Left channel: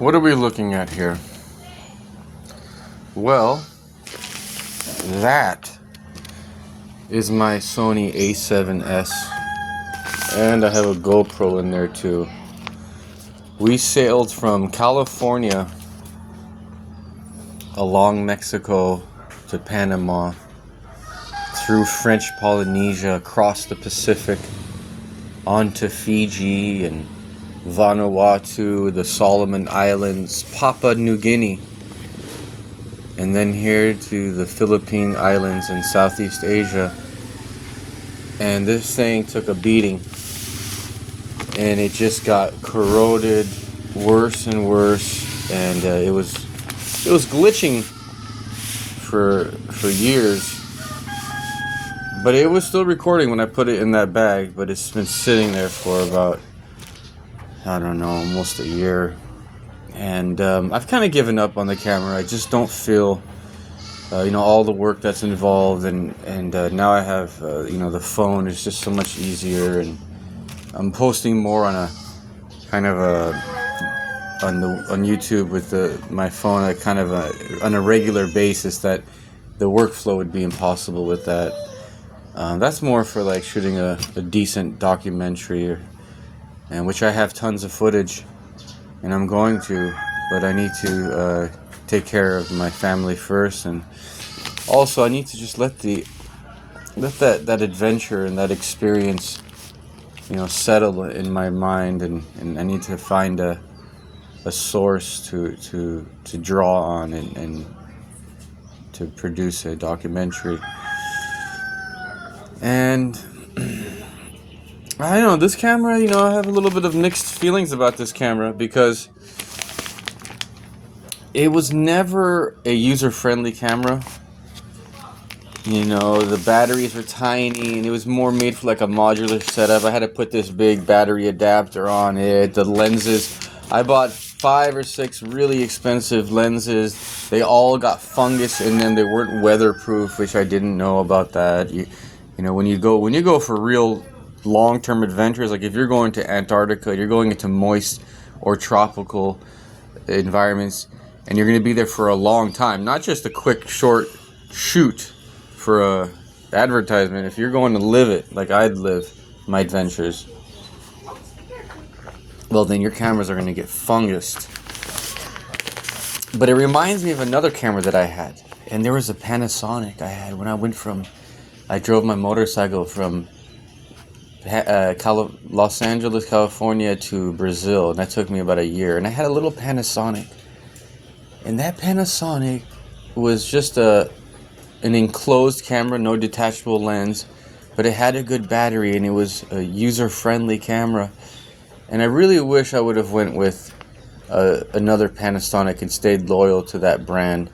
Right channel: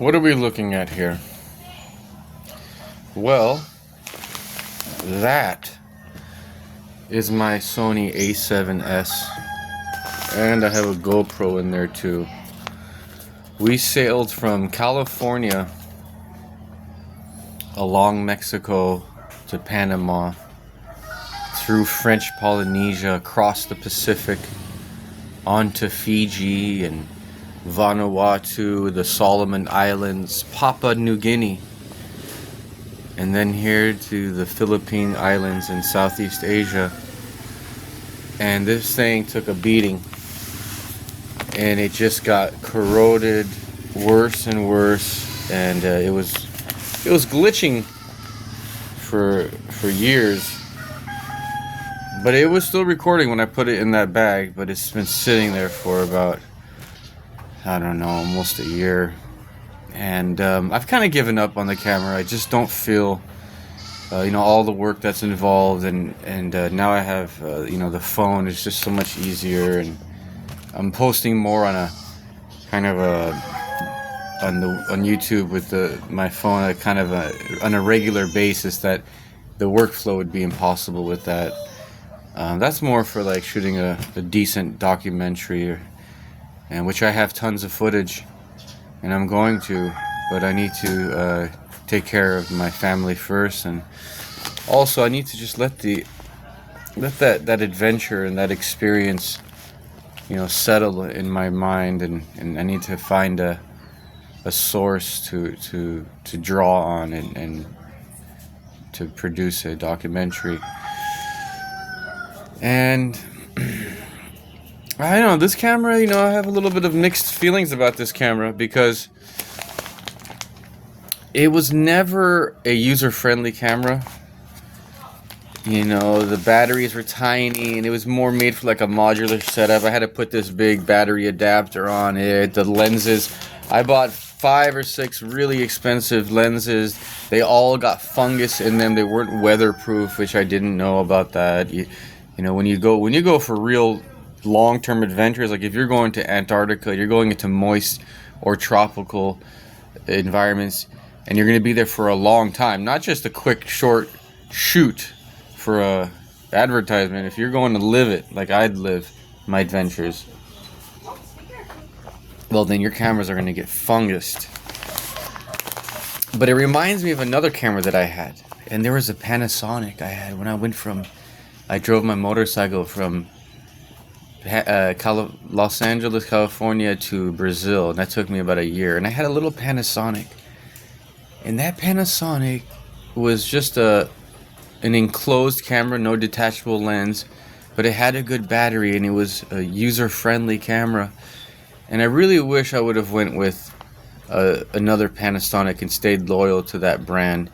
What are we looking at here? Well, that is my Sony A7s, and I have a GoPro in there too. We sailed from California along Mexico to Panama, through French Polynesia, across the Pacific, onto Fiji and Vanuatu, the Solomon Islands, Papua New Guinea, and then here to the Philippine Islands in Southeast Asia. And this thing took a beating, and it just got corroded worse and worse, and it was glitching for years. But it was still recording when I put it in that bag, but it's been sitting there for about, I don't know, almost a year. And I've kind of given up on the camera. I just don't feel, all the work that's involved. And now I have, the phone is just so much easier. And I'm posting more on a kind of on YouTube with my phone, on a regular basis. That the workflow would be impossible with that. That's more for like shooting a decent documentary, and which I have tons of footage, and I'm going to, but I need to take care of my family first, and also I need to just let that adventure and that experience, settle in my mind, and I need to find a source to draw on and to produce a documentary. And I don't know, this camera, I have a little bit of mixed feelings about this camera, because it was never a user-friendly camera. The batteries were tiny, and it was more made for like a modular setup. I had to put this big battery adapter on it. The lenses, I bought 5 or 6 really expensive lenses. They all got fungus in them. They weren't weatherproof, which I didn't know about that. When you go for real long-term adventures, like if you're going to Antarctica, you're going into moist or tropical environments, and you're going to be there for a long time, not just a quick short shoot for a advertisement. If you're going to live it like I'd live my adventures, well, then your cameras are going to get fungused. But it reminds me of another camera that I had, and there was a Panasonic I had when I drove my motorcycle from Los Angeles, California to Brazil, and that took me about a year. And I had a little Panasonic, and that Panasonic was just an enclosed camera, no detachable lens, but it had a good battery, and it was a user-friendly camera. And I really wish I would have went with another Panasonic and stayed loyal to that brand,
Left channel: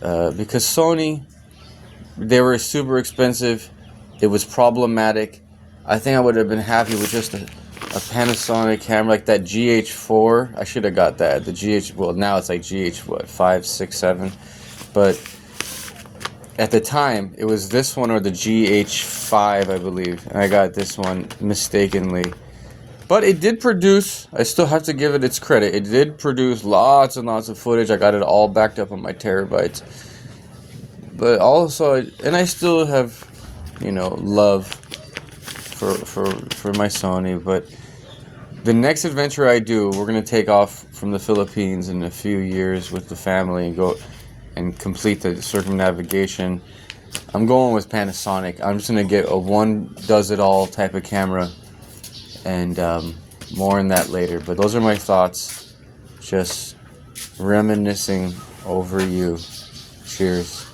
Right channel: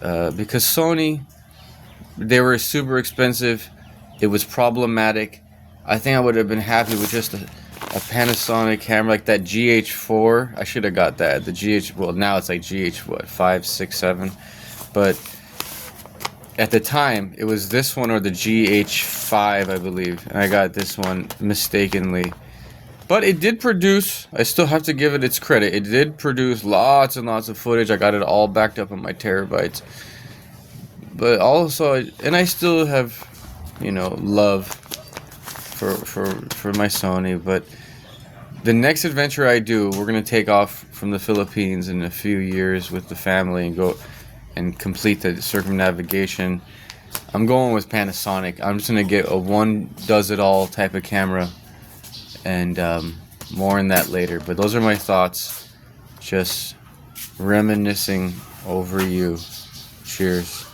because Sony, they were super expensive. It was problematic. I think I would have been happy with just a Panasonic camera like that GH4. I should have got that. The GH, well, now it's like GH 5, 6, 7. But at the time, it was this one or the GH5, I believe. And I got this one mistakenly. But it did produce, I still have to give it its credit, it did produce lots and lots of footage. I got it all backed up on my terabytes. But also, and I still have, love for my Sony. But the next adventure I do, we're going to take off from the Philippines in a few years with the family and go and complete the circumnavigation. I'm going with Panasonic. I'm just going to get a one-does-it-all type of camera, and more on that later. But those are my thoughts, just reminiscing over you. Cheers.